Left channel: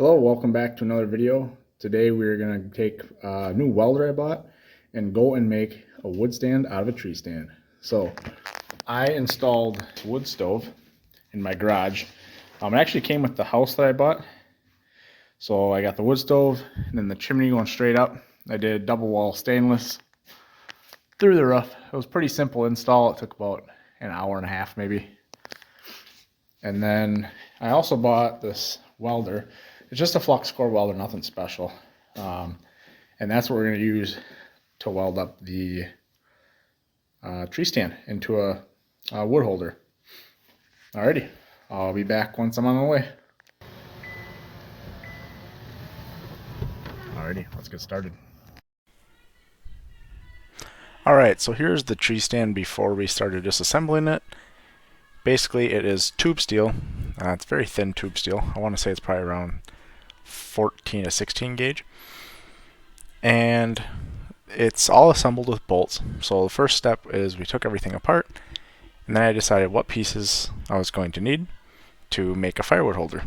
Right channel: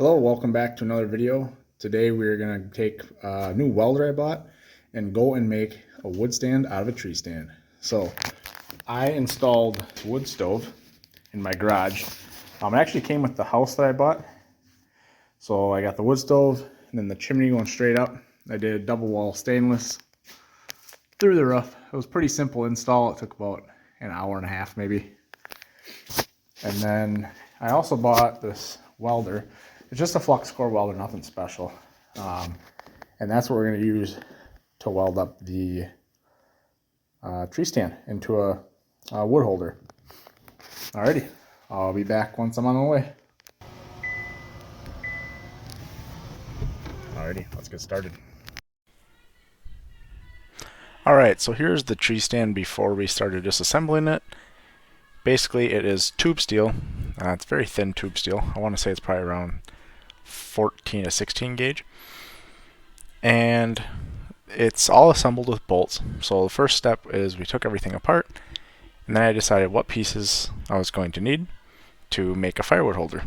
Hello, welcome back to another video. Today we are going to take a new welder I bought and go and make a wood stand out of a tree stand. So I installed a wood stove in my garage. It actually came with the house that I bought. So I got the wood stove and then the chimney going straight up. I did double wall stainless through the roof. It was pretty simple install. It took about an hour and a half maybe. And then I also bought this welder. It's just a flux core welder, nothing special. And that's what we're going to use to weld up the tree stand into a wood holder. Alrighty, I'll be back once I'm on the way. Alrighty, let's get started. Alright, so here's the tree stand before we started disassembling it. Basically, it is tube steel. It's very thin tube steel. I want to say it's probably around 14 to 16 gauge. And it's all assembled with bolts. So the first step is we took everything apart, and then I decided what pieces I was going to need to make a firewood holder.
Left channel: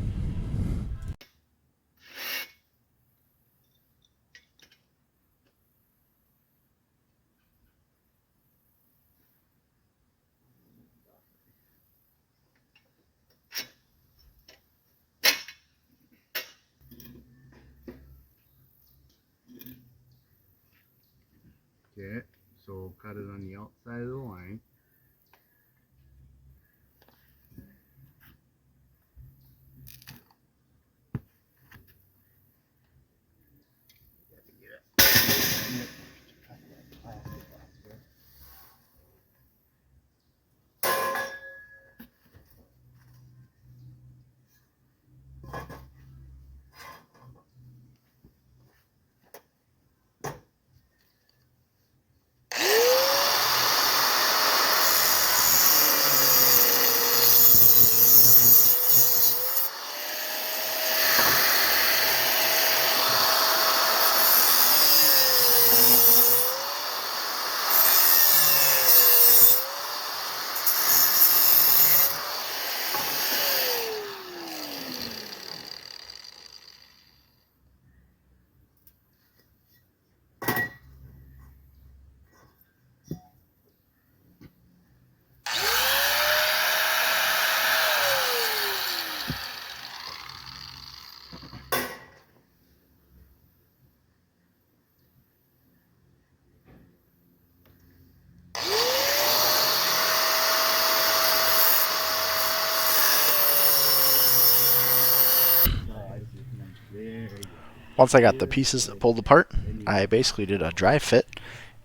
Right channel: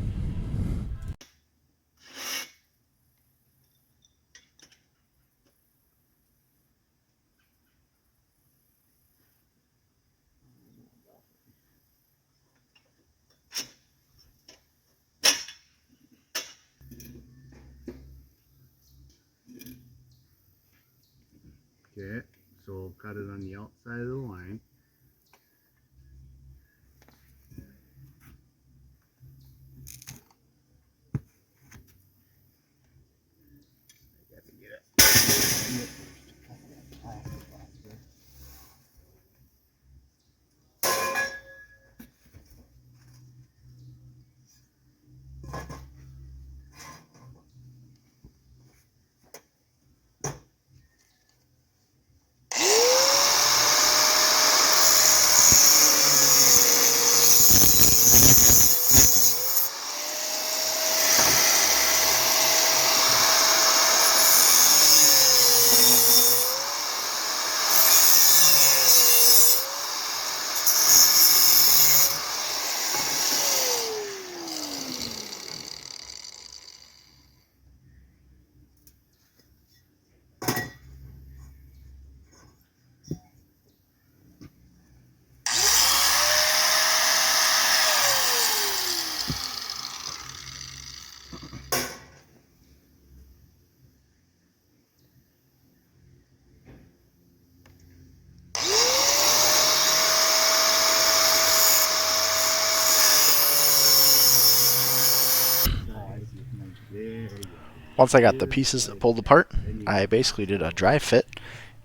Okay, so cut it on the outside of the line. Once I got the pieces pulled apart, I basically did a dry fit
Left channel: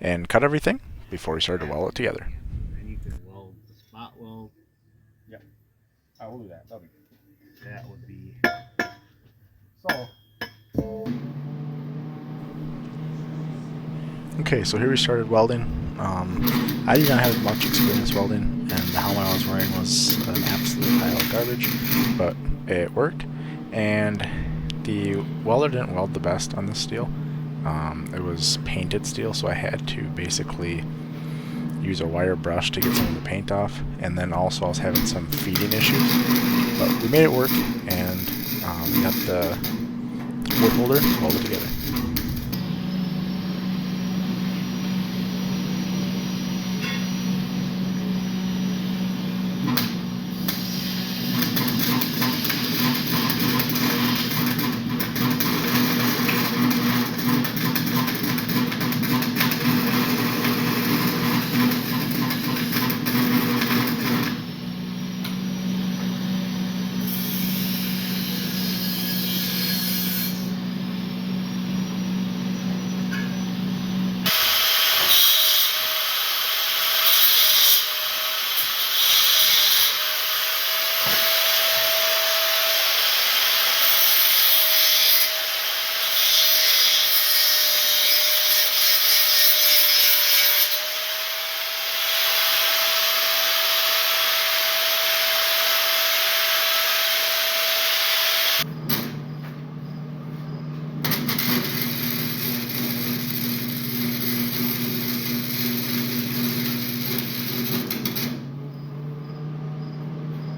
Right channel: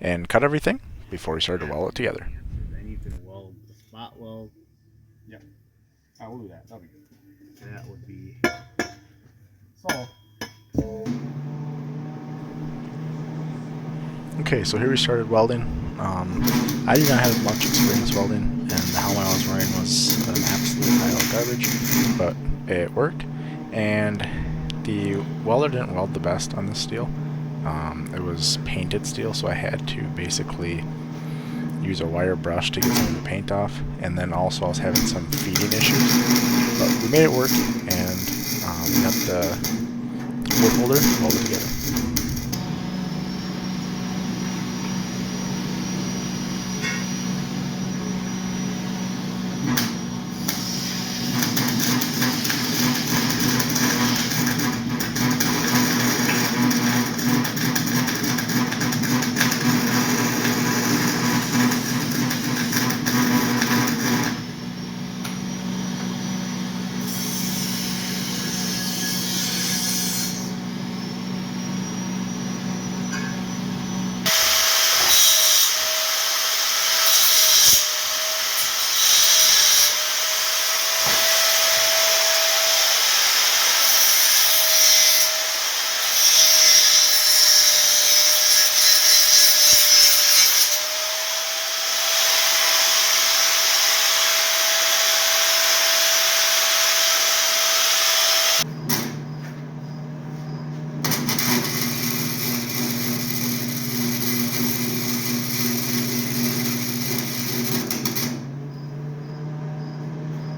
and cut everything before we started to weld it together. Then you can weld the spot weld. Yep, I will do that. That'll be good. That would be so. Okay, so here we started welding. I did not have much experience welding, and the helmet I was wearing was an absolute pile of garbage, but it worked. And the welder didn't weld the best on this steel. It was painted steel, so I had to basically use a wire brush to get some of the paint off, and then also I was having some feeding issues. But we made it work, and we got the wood holder welded together.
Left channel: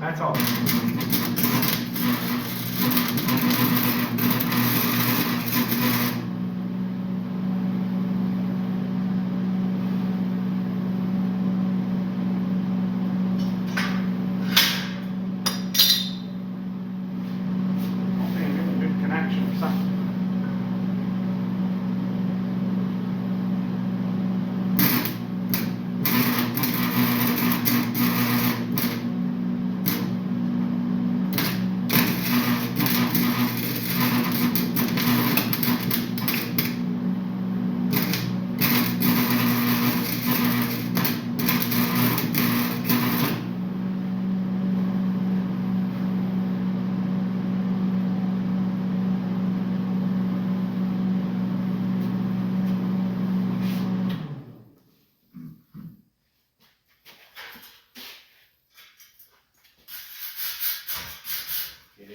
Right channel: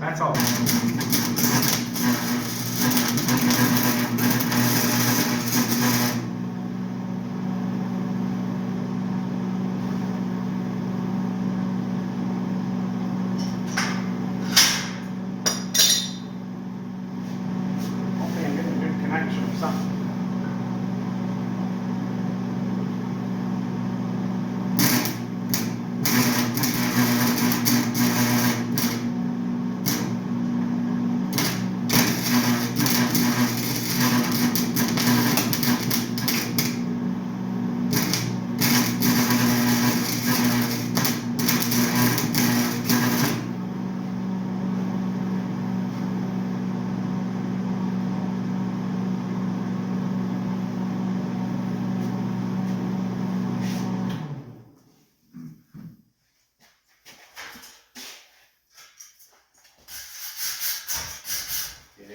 That's all.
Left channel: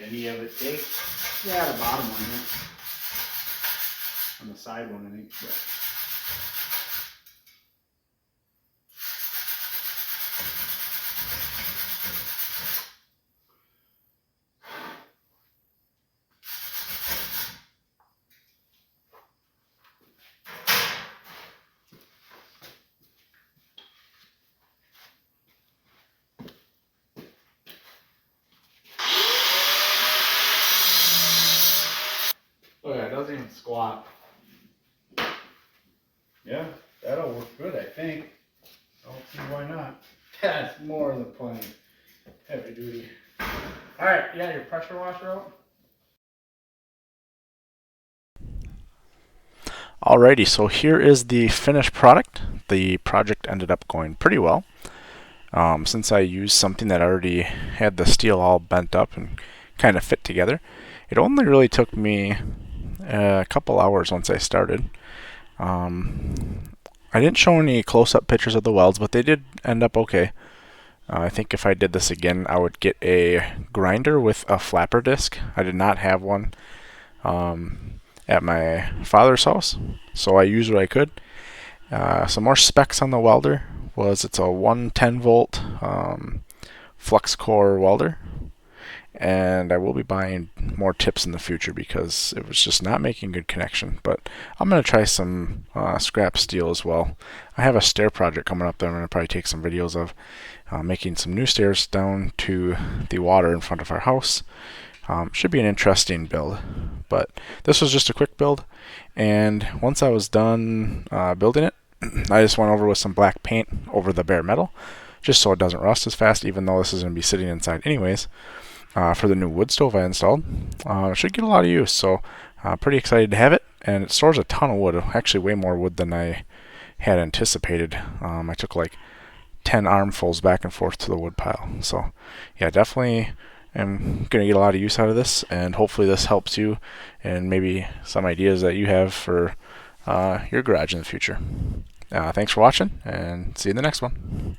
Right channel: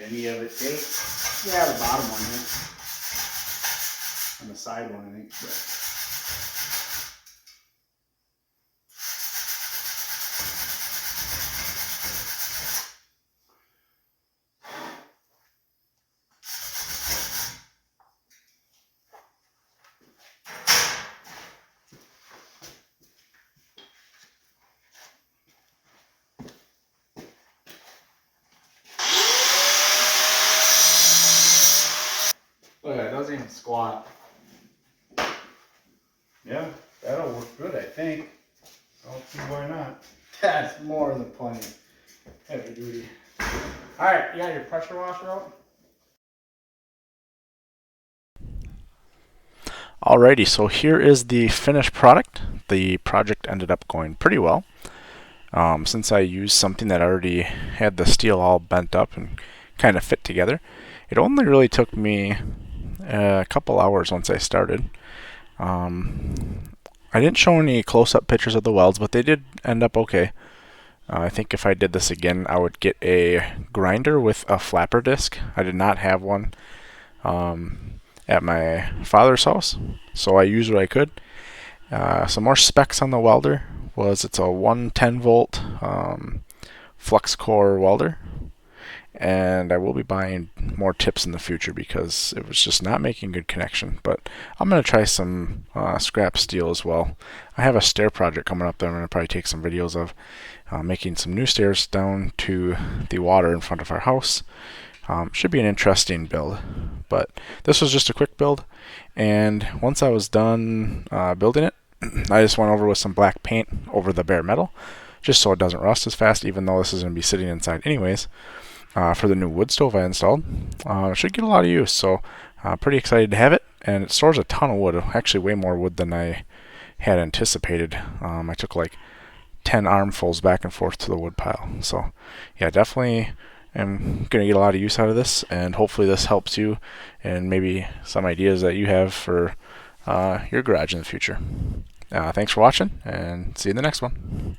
any of it take? Yeah, the bottom one here. On the side one, I think. But. Look, it doesn't even squat. Yeah, that'll work good, I think. I don't see why not. That's more than plenty. Heavy duty. Alright, you got your pressure washer out? Alrighty, so here is the finished product. The project ended up going pretty well. Since I used something that already had the steel all bent up and kind of fit together, it only really took me a couple hours once I started. I didn't show any close-up pictures of the welds, but they did end up okay. I think if I did this again, I would get a grinder with a flapper disc. I did not have one at my father's house, so I used what I could. Some more specs on the welder was it's a 110 volt flux core welder, and I will be buying more tips in the future because it was just not making good connection. But I'm going to try some scrap steel as well. I have a stair project coming up that I'm going to probably take some videos of, making some new stairs down to the water in front of our house. Should be an interesting build, but this was just a quick build, and once I was done building it, I just went over with some black paint over the bare metal just so it doesn't rust as fast, even though this is going to be sitting inside anyways. For the new wood stove I installed, it should get a lot of use, so pretty excited to have it, and it stores a ton of wood, actually way more wood than I had anticipated. I took like 10 armfuls back and forth to the wood pile, so yeah, definitely am going to get a lot of use out of this, and hopefully this helps you and maybe some ideas that you have for your garage in the future. Thanks for watching, and see you in the next one.